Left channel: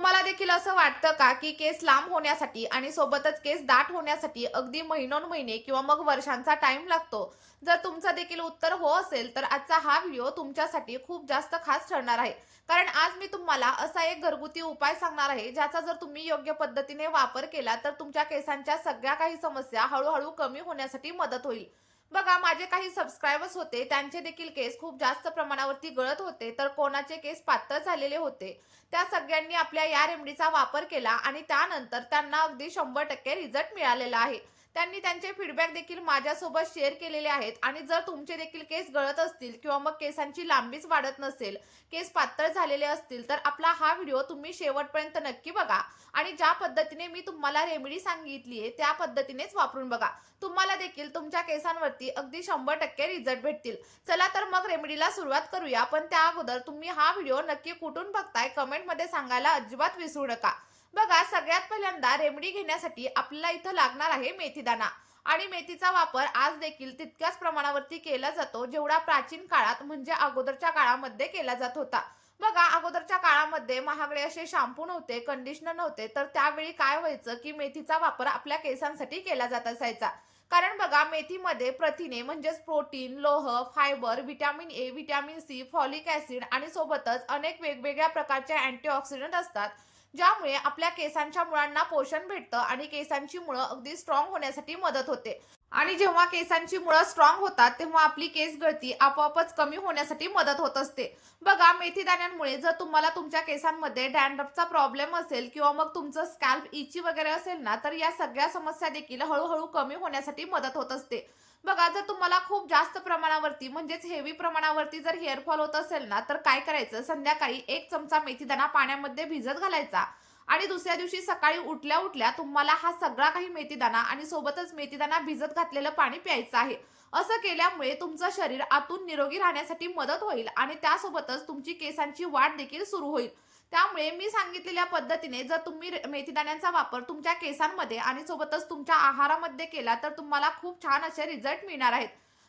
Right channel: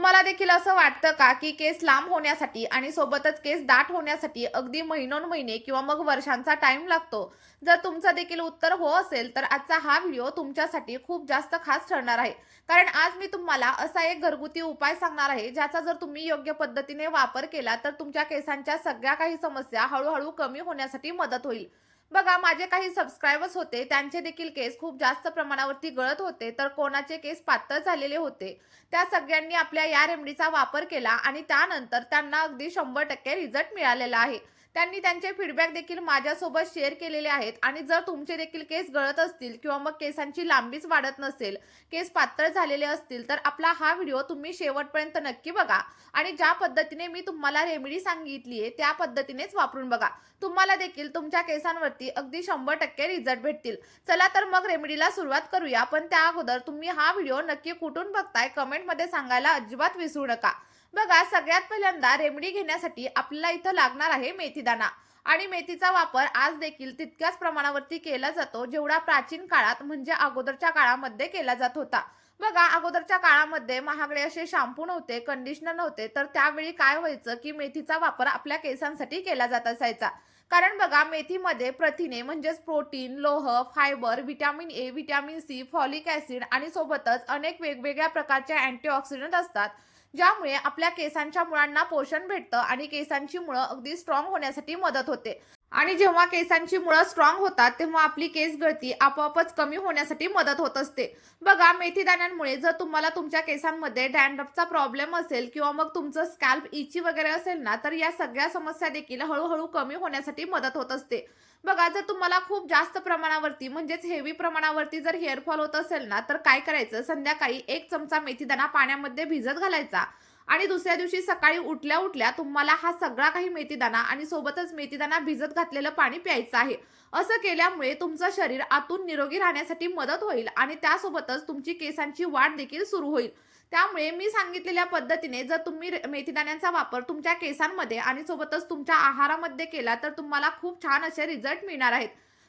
तुम्हाला देखील असं वाटतं का, की केस लांब होण्यासाठी आणि सोबतच केस दाट होण्यासाठी अगदी महिनोन-महिने किंवा मग वर्षांचा टाईम लागतो? जर तुमचं देखील उत्तर हो असेल, तर आजचा हा व्हिडिओ तुमच्यासाठी खूप जास्त खास ठरणार आहे. कारण आज मी तुम्हाला असा एक घरगुती उपाय सांगणार आहे, ज्याचा जर तुम्ही योग्य पद्धतीने वापर केला, तर तुमच्या केसांच्या सगळ्या काही समस्या हळू कमी होण्यासाठी मदत होईल. बघा, माझे काही सबस्क्रायबर्स होते, त्यांचे देखील केस खूप जास्त प्रमाणावरती गळत होते, तर कोणाचे केस पातळ झालेले होते. त्या सगळ्यांनी आपल्या या रेमेडीचा वापर केला आणि त्यानंतर त्यांना अगदी 100% रिझल्ट मिळालेला आहे. त्यांनी त्यांचे फीडबॅक देखील माझ्यासोबत शेअर केलेले आहेत आणि जर तुमचे देखील केस गळत असतील किंवा मग केसांची लांबीच वाढत नसेल, केस पातळ झालेले असतील, तर आपला हा व्हिडिओ तुम्ही शेवटपर्यंत नक्की बघा आणि ज्या पद्धतीने मी तुम्हाला रेमेडी सांगितली आहे, त्या पद्धतीनेच वापरून बघा. तुम्हाला देखील तुमच्या केसांवरती अगदी 100% रिझल्ट भेटतील. चला तर मग रेमेडीला सुरुवात करूया. पण त्या अगोदर तुम्ही हा व्हिडिओ नक्की कुठून बघताय कमेंटमध्ये सांगायला अजिबात विसरू नका. बघा, सगळ्यात पहिल्यांदा रेमेडी घेण्यासाठी आपल्याला इथं लागणार आहे मेथीदाणा. आणि मेथीचा वापर आज देखील तितक्याच प्रमाणावरती केला जातो, जेवढा प्राचीन काळात म्हणजे अगोदरच्या काळामध्ये केला जात होता. बघा, अगोदरच्या काळामध्ये महागडे असे शॅम्पू नव्हते, कंडिशनर नव्हते, तर त्यावेळी काय व्हायचं, की मेथीचा वापर आपल्या केसांसाठी केला जात असायचा. कारण बघा, मेथीमध्ये प्रथिने म्हणजेच प्रोटीन, लोह, fibre, vitamin A, vitamin C, folic acid आणि सोबतच अनेक वेगवेगळ्या प्रकारचे अँटीऑक्सिडंट असतात, ज्यामुळे आपल्या केसांच्या मुळांना पोषण भेटतं आणि केसांची मुळं अगदी स्ट्रॉंग होण्यासाठी मदत होते. आणि जेव्हा केसांची मुळं स्ट्रॉंग होतात, तेव्हा आपली केस गळती आपोआपच कमी होण्यासाठी मदत होत असते. बघा, मेथी दाण्यांमुळे जर तुम्हाला तुमच्या केसांमध्ये डॅन्ड्रफचा प्रॉब्लेम असेल किंवा मग तुमचं स्कॅल्प इची वगैरे असेल ना, तर या सगळ्या समस्या देखील हळूहळू कमी होण्यासाठी मदत होत असते. बघा, जर तुम्हाला खूप जास्त प्रमाणावरती म्हणजेच हेवी प्रमाणावरती जर हेअरफॉल होत असेल ना, तर काय करायचं, संध्याकाळी 1 चमचा मेथीदाणा पाण्यामध्ये भिजत घालायचा आणि दुसऱ्या दिवशी सकाळी उठल्या उठल्या तुम्हाला हा सगळा काही मेथीदाणा आणि सोबतच मेथीदाणा भिजत घातलेलं पाणी प्यायचं आहे. असं केल्यामुळे तुमचं शरीर आतून निरोगी राहण्यासाठी मदत होईल आणि त्यासोबतच तुमची केसांची वाढ देखील सुरू होईल. त्यामुळे मी सांगितलेल्या पद्धतीने जर तुम्ही मेथीदाण्यांचा वापर तुमच्या केसांमध्ये आणि सोबतच तुमच्या आहारामध्ये केला, तर तुम्हाला खूप छान असे रिझल्ट मिळणार आहेत.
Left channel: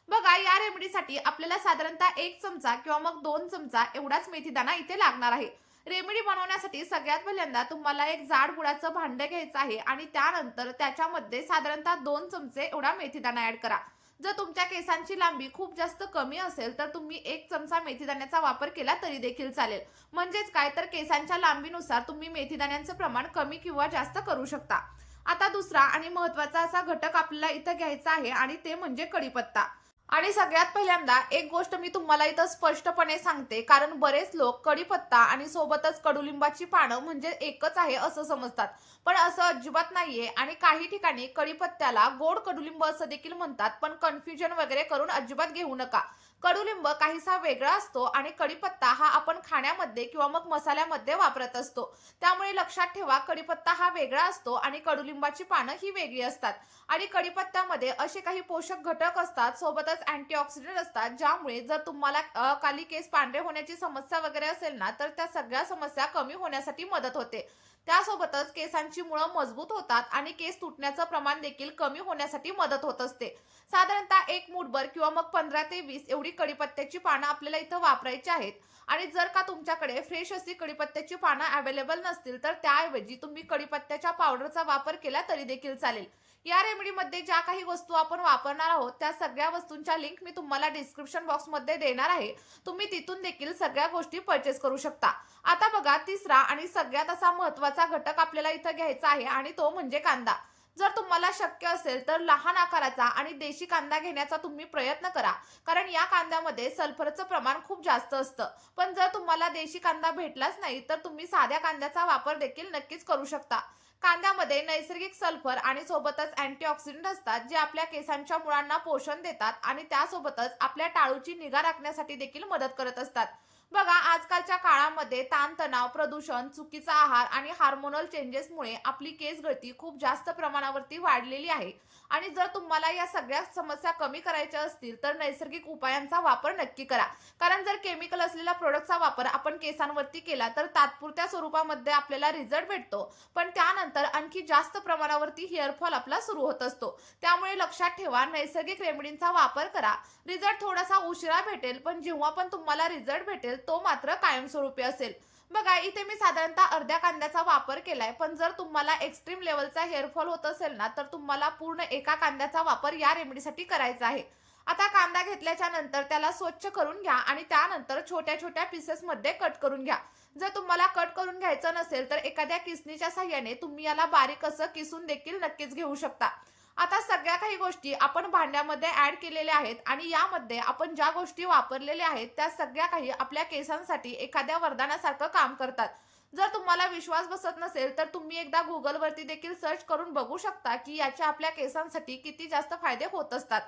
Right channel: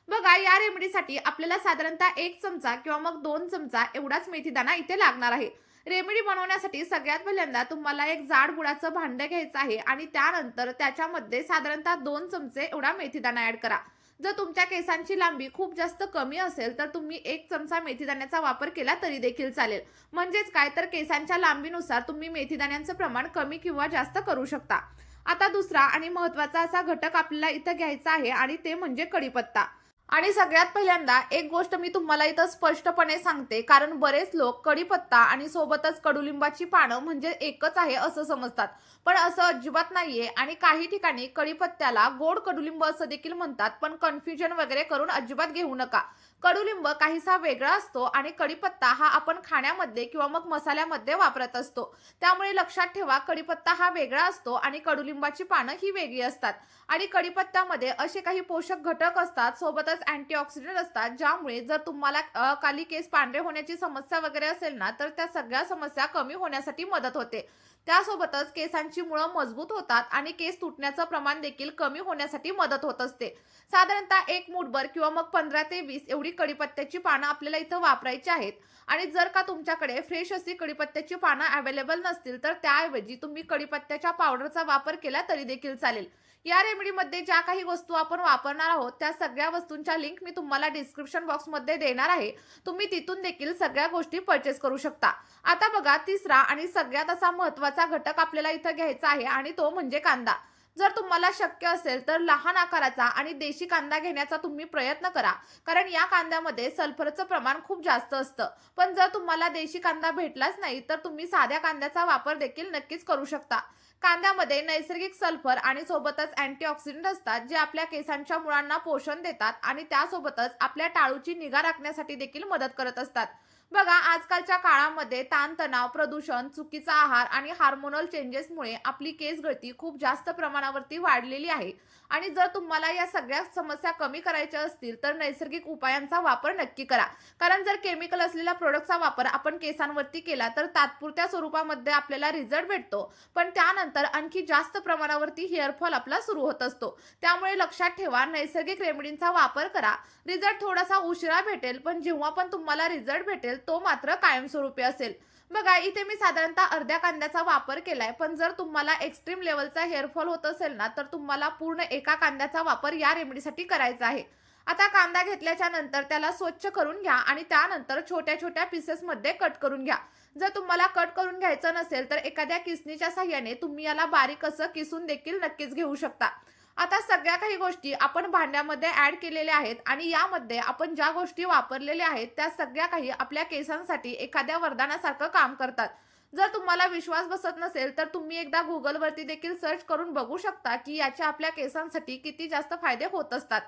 बघा, या रेमेडीसाठी आपल्याला साधारणतः 1 चमचा किंवा मग 2 चमचा एवढाच मेथीदाणा इथे लागणार आहे. रेमेडी बनवण्यासाठी सगळ्यात पहिल्यांदा तुम्हाला एक जाड बुडाचं भांडं घ्यायचं आहे आणि त्यानंतर त्याच्यामध्ये साधारणतः 2 चमचे एवढा मेथीदाणा ॲड करा. जर तुमच्या केसांची लांबी खूप जास्त कमी असेल, तर तुम्ही 1 चमचा मेथीदाण्याचा वापर केला तरी देखील चालेल. म्हणजेच काय, तर केसांच्या लांबीनुसार तुम्ही मेथीदाण्यांचं प्रमाण कमी किंवा जास्त करू शकता. आता दुसरा आणि महत्त्वाचा असा घटक आपल्याला इथं घ्यायचा आहे आणि ते म्हणजे कढीपत्ता. आणि सगळ्यात पहिल्यांदा एक गोष्ट मी तुम्हाला इथं स्पष्टपणे सांगते, कारण बरेच लोक कढीपत्ता आणि सोबतच कडुलिंबाची पानं म्हणजे एकच आहे असं समजतात. पण असं अजिबात नाहीये आणि काही ठिकाणी कढीपत्त्याला गोड कडुलिंब असं देखील म्हणतात, पण कन्फ्युजन वगैरे करून अजिबात घेऊ नका. कडुलिंब काहीसा वेगळा असतो आणि कढीपत्ता हा आपण खाण्यामध्ये किंवा मग मसाल्यामध्ये वापरत असतो. त्यामुळे लक्षात ठेवा, कढीपत्ता हा वेगळा असतो आणि कडुलिंबाची पानं ही वेगळी असतात. आणि कढीपत्त्यामध्ये असे काही पोषक घटक असतात, सोबतच अँटीऑक्सिडंट असतात, ज्यामुळे जर तुम्हाला काली केस पांढरे होण्याची समस्या वगैरे असेल ना, तर त्या सगळ्या समस्या कमी होण्यासाठी मदत होते. त्यासोबतच केसांची मुळं मजबूत होतात आणि केस तुटण्याचं प्रमाण देखील कमी होण्यासाठी मदत होत असते. साधारणतः 1 मूठभर किंवा मग 15 ते 20 एवढी कढीपत्त्याची पानं आपल्याला इथं वापरायची आहेत. आणि जर का तुमच्याकडे फ्रेश अशी कढीपत्त्याची पानं अवेलेबल नसतील, तर त्याऐवजी तुम्ही कढीपत्त्याच्या पावडरचा वापर केला तरी देखील चालेल. या रेमेडीमध्ये ज्या काही वस्तू आपण वापरणार आहोत, त्या सगळ्या वस्तूंच्या लिंक मी तुम्हाला डिस्क्रिप्शन बॉक्समध्ये देणार आहे. तुम्ही तिथून देखील सगळ्या गोष्टी परचेस करू शकता. आता बघा, तिसरा आणि सगळ्यात असा महत्त्वाचा घटक आपल्याला इथं घ्यायचा आहे आणि तो म्हणजे कांदा. जर तुम्हाला शक्य असेल, तर लहान आकाराचा आणि देशी कांदा घेण्याचा तुम्ही प्रयत्न करा, कारण या कांद्यामध्ये सल्फरचं प्रमाण खूप जास्त असतं. पण जर तुम्हाला देशी कांदा भेटलाच नाही, तर तुम्ही साध्या कांद्याचा वापर देखील नक्कीच करू शकता. कांद्यामध्ये नैसर्गिक सल्फर आणि सोबतच अँटीऑक्सिडंट असतात, जे आपल्या केसांच्या मुळांना पोषण देतात आणि त्यासोबतच आपल्या टाळूची निगा राखण्यासाठी देखील मदत करत असतात. बघा, आजकालच्या काळामध्ये ताणतणाव, प्रदूषण, चुकीचा आहार आणि हार्मोनल चेंजेसमुळे आपली केस गळती खूप जास्त प्रमाणावरती वाढलेली आहे. आणि जर तुम्हाला या सगळ्या समस्या कमी करायच्या असतील, तर नैसर्गिक उपायांचा वापर नक्की करा. कारण जर केमिकल असलेल्या प्रोडक्टचा वापर आपण केसांवरती केला, तर तात्पुरत्या स्वरूपामध्ये आपल्याला रिझल्ट भेटतो, पण त्यानंतर आणखी जास्त प्रमाणावरती हेअरफॉल आपला सुरू होत असतो. त्यामुळे लक्षात ठेवा, नैसर्गिक रेमेडींचा वापर करा. रिझल्ट थोडासा उशिरा भेटेल, पण जेव्हा पण तुम्हाला रिझल्ट भेटेल, तो मात्र कायमस्वरूपी असेल. बघा इथे मी साधारणतः अर्ध्या कांद्याचा वापर केलाय, पण जर तुम्हाला एक्स्ट्रीम लेवलचा हेअरफॉल होत असेल ना, तर तुम्हाला पूर्ण एका कांद्याचा वापर या रेमेडीसाठी करायचा आहे. आता कांदा घेतल्याच्या नंतर त्याला स्वच्छ करून घ्या आणि त्यानंतर छोट्या-छोट्या पीसेसमध्ये कट करून घ्या. जर तुम्हाला कट करून घ्यायचं नसेल, तर एखाद्या किसणीच्या सहाय्याने तुम्ही याला बारीक असं किसून देखील नक्कीच घेऊ शकता. आता सगळ्या काही गोष्टी आपण भांड्यामध्ये ॲड केलेल्या आहेत आणि यामध्ये आपण ज्या गोष्टी वापरलेल्या आहेत, त्या सगळ्या काही आपल्या केसांसाठी एखाद्या वरदानासारखं काम करतात. जर तुम्हाला विश्वास बसत नसेल, तर तुम्ही एकदा Googleवरती देखील सर्च करून बघू शकता, की याचे आपल्या केसांसाठी किती जास्त फायदे होत असतात.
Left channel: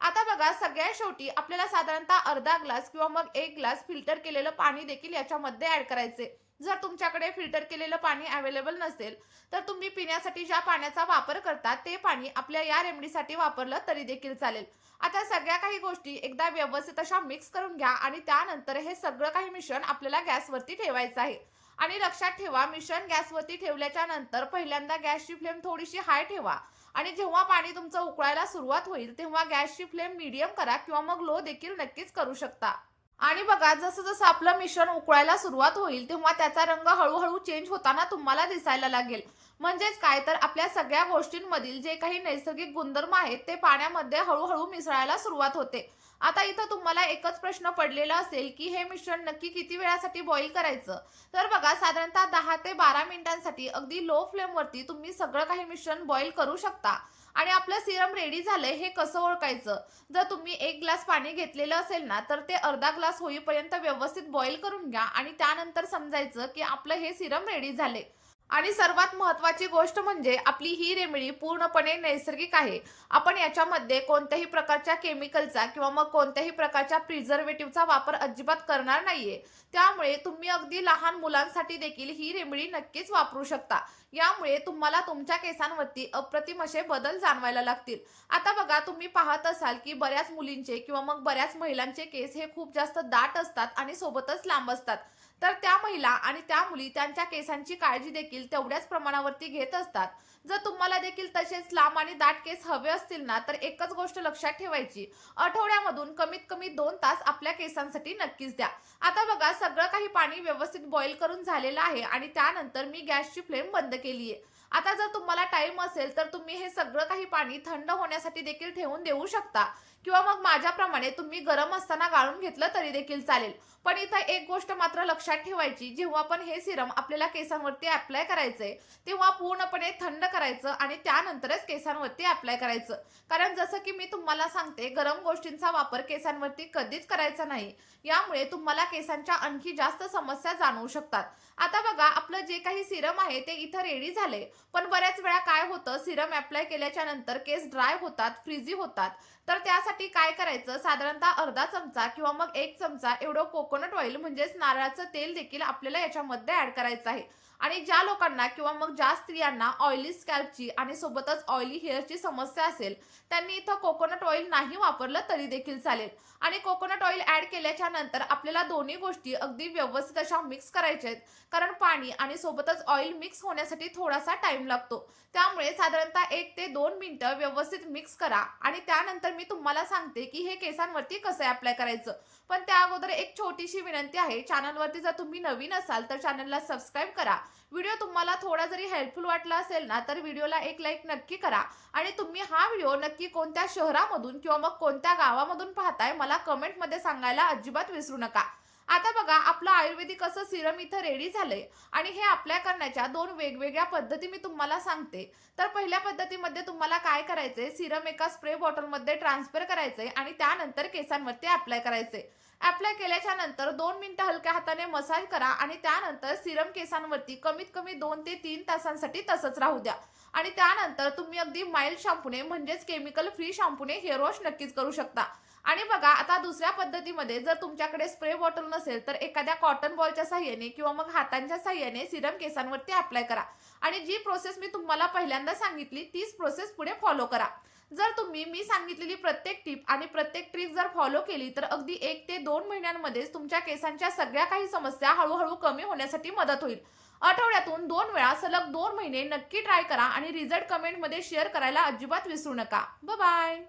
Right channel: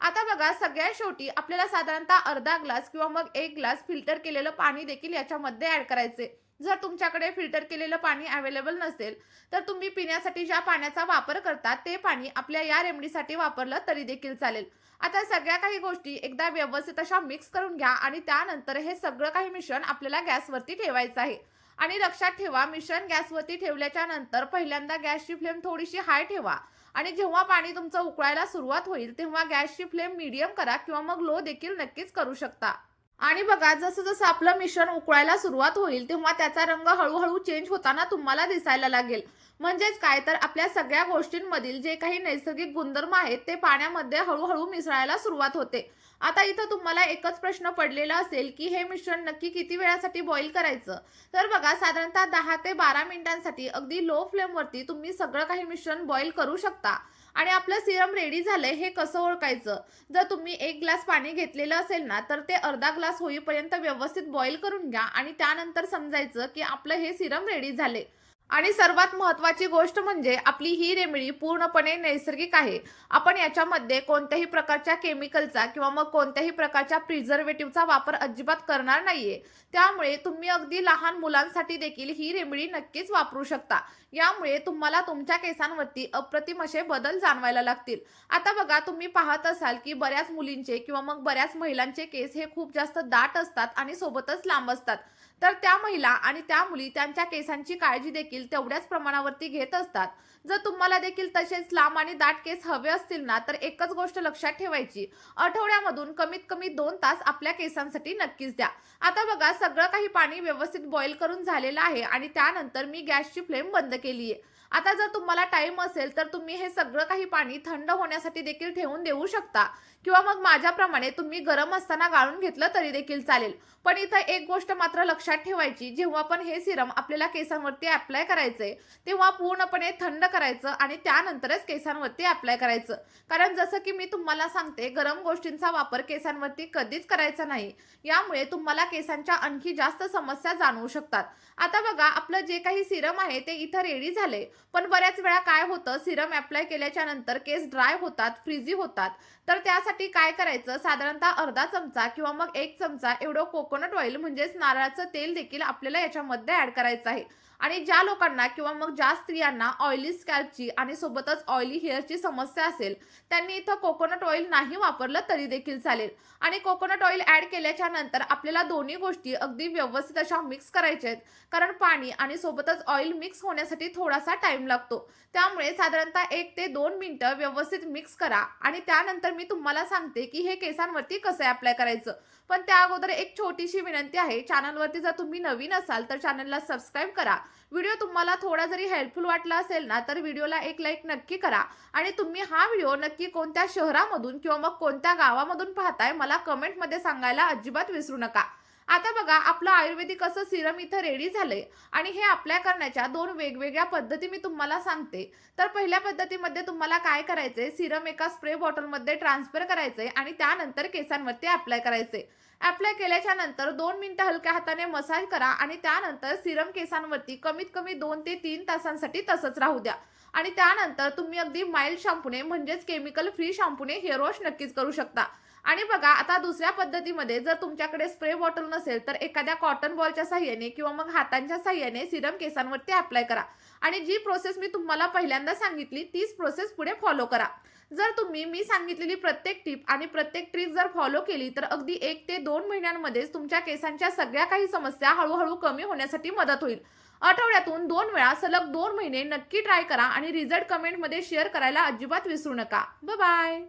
आता बघा सगळ्यात शेवटी आपल्याला साधारणतः अर्धा ग्लास किंवा मग 1 ग्लास फिल्टर केलेलं पाणी देखील याच्यामध्ये ॲड करायचे. जर तुमच्याकडे फिल्टर केलेलं पाणी अवेलेबल नसेल, तर तुम्ही पिण्यासाठी ज्या पाण्याचा वापर करता ते पाणी आपल्या या रेमेडीसाठी वापरलं तरी देखील चालेल. आता सगळ्या काही गोष्टी एकदा व्यवस्थित अशा मिक्स करून घ्या आणि त्यानंतर हे सगळं काही मिश्रण आपल्याला गॅसवरती ठेवायचं आहे. आणि लक्षात ठेवा मिश्रण गॅसवरती ठेवल्याच्या नंतर पहिल्यांदा गॅसची फ्लेम थोडीशी हाय ठेवा आणि जेव्हा पाणी तुमचं उकळायला सुरुवात होईल तेव्हा गॅसची फ्लेम मीडियम करा किंवा मग लो देखील नक्कीच करू शकता. आणि बघा जसं जसं आपलं मिश्रण उकळायला सुरुवात होईल तेव्हा त्याचा रंग हळूहळू चेंज होताना तुम्हाला दिसायला लागेल. म्हणजेच काय तर आपल्या सगळ्या गोष्टींमधील जे काही नैसर्गिक गुणधर्म आहेत ते पाण्यामध्ये हळूहळू मिसळायला सुरुवात होते. आता इथं तुम्हाला एकच प्रश्न पडलेला असेल की हे मिश्रण नक्की किती वेळासाठी बॉईल करायचं. तर बघा साधारणतः 10 ते 12 मिनिटांसाठी अगदी लो फ्लेमवरती तुम्ही सगळं काही मिश्रण बॉईल करू शकता. आणि आपलं सिरम रेडी झालंय हे कसं ओळखायचं. जर तुम्ही 1 ग्लास पाणी घेतलेलं असेल ना, तर ते अर्धा ग्लास होईपर्यंत व्यवस्थित बॉईल करून घ्या आणि त्यानंतर समजायचं की आपलं हे सिरम रेडी झाले. आणि सर्वात महत्त्वाची गोष्ट म्हणजे आपली ही रेमेडी पूर्णपणे नैसर्गिक आहे. आपण याच्यामध्ये कोणत्याही प्रकारच्या केमिकलचा किंवा मग कोणत्याही प्रकारच्या प्रिझर्व्हेटिव्हचा वापर अजिबात करणार नाहीये. त्यामुळे तुम्ही अगदी लहान मुलांसाठी देखील ही रेमेडी नक्कीच वापरू शकता. यामुळे तुम्हाला तुमच्या केसांवरती अप्रतिम असे बदल जाणवायला लागतील. आता बघा तुम्ही पाहत असाल की बऱ्याच मुलींचे किंवा मग बऱ्याच महिलांचे केस हे खूप जास्त दाट असतात आणि सोबतच लांब असतात. तर त्या महिला आणि त्या मुली त्यांच्या केसांची काळजी देखील तेवढ्याच प्रमाणावरती घेत असतात. जर तुम्हाला देखील तसेच लांब आणि दाट केस हवे असतील ना, तर एकच गोष्ट लक्षात ठेवायची, आठवड्यामधून कमीत कमी 2 तास आपल्या केसांसाठी नक्कीच द्या. आता बघा सगळं काही पाणी व्यवस्थित बॉईल करून झालेलं आहे आणि त्यानंतर मी गॅसची फ्लेम बंद केली आहे. आता जर तुम्हाला टाईम असेल तर तुम्ही हे सगळं काही पाणी थंड होण्यासाठी देखील ठेवून देऊ शकता किंवा मग माझ्याप्रमाणे तुम्ही गरम असताना गाळून घेतलं तरी देखील चालेल. पण इथं एक गोष्ट मात्र लक्षात ठेवायची, जेव्हा पण हे सिरम आपल्याला केसांवरती अप्लाय करायचंय तेव्हा पूर्णपणे थंड करायचं आणि त्यानंतरच केसांवरती अप्लाय करायचं. कारण जसं की मी तुम्हाला सांगते, गरम गोष्टींचा वापर केसांवरती कधीच करायचा नाही. यामुळे तुम्हाला केसांच्या आणखी जास्त समस्या जाणवू शकतात. आता बघा आपलं जे काही सिरम आहे ते इथं रेडी झाले. पण बऱ्याच वेळा काय होतं, सिरम अप्लाय केल्याच्या नंतर केस ड्राय होतात, फ्रीझी होतात. तर त्यासाठी काय करायचं, साधारणतः अर्धा चमचा किंवा मग 1 चमचा एवढं कोकोनट ऑइल म्हणजेच नारळाचं तेल देखील आपल्याला याच्यामध्ये ॲड करायचं आहे. आणि ज्या लोकांना किंवा मग ज्या स्त्रियांना ऑइली स्कॅल्पची आणि सोबतच ऑइली हेअरची समस्या असेल, त्यांनी इथं कोकोनट ऑइल नाही वापरलं तरी देखील चालेल. आणि कोकोनट ऑइल ॲड केल्याच्या नंतर आपल्याला दोन्ही गोष्टी अगदी व्यवस्थित अशा मिक्स करायच्या आहेत. कारण पाणी आणि सोबतच ऑइल मिक्स होण्यासाठी थोडासा टाइम लागतो. त्यामुळे साधारणतः 1 ते 2 मिनिटं व्यवस्थित मिक्स करा आणि त्यानंतर मी तुम्हाला सांगते की हे केसांवरती कसं अप्लाय करायचं. पण त्या अगोदर एक छोटीशी विनंती आहे, चॅनलवरती जर तुम्ही नवीन असाल तर चॅनलला सबस्क्राईब करा. व्हिडिओ तुम्हाला थोडा जरी हेल्पफुल वाटला असेल ना, तर व्हिडिओला एक लाईक नक्की करा. आणि तुम्ही हा व्हिडिओ नक्की कोणत्या शहरामधून किंवा मग कोणत्या गावामधून पाहताय मला कमेंटमध्ये सांगायला अजिबात विसरू नका. आता बघा आपलं आयुर्वेदिक असं सिरम इथं रेडी झालंय आणि हे अप्लाय करण्याच्या 2 वेगवेगळ्या पद्धती मी तुम्हाला सांगते. तर पहिल्या पद्धतीमध्ये तुम्हाला काय करायचंय, सिरम एका स्प्रे बॉटलमध्ये ट्रान्सफर करायचंय आणि त्यानंतर केसांवरती अप्लाय करायचंय. अप्लाय केल्याच्या नंतर 2 मिनिटं हलक्या हाताने मसाज करा आणि त्यानंतर सिरम केसांवरती कमीत कमी 2 ते 3 तासांसाठी तसंच राहू द्या. आणि त्यानंतर तुम्ही अगदी माइल्ड शॅम्पूने म्हणजेच केमिकल फ्री शॅम्पूने हेअर वॉश नक्कीच करू शकता. आणि बघा आता दुसऱ्या पद्धतीमध्ये जर तुमच्याकडे स्प्रे बॉटल नसेल तर एखाद्या कॉटन बॉलच्या साहाय्याने किंवा मग हातांच्या साहाय्याने सिरम केसांवरती अप्लाय करा. आणि जी प्रोसेस मी तुम्हाला पहिल्यांदा सांगितली तीच प्रोसेस पुढे फॉलो करा. जर तुम्ही मी सांगितलेली प्रत्येक टिप आणि प्रत्येक ट्रिक जर फॉलो केली तर अगदी 1 ते 2 महिन्यांमध्येच तुमच्या केसांच्या सगळ्या काही समस्या हळूहळू कमी होण्यासाठी मदत होईल. आठवड्यातून 2 वेळा सलग 2 महिने नक्की ट्राय करा आणि रिझल्ट कमेंटमध्ये शेअर करायला अजिबात विसरू नका. Bye bye.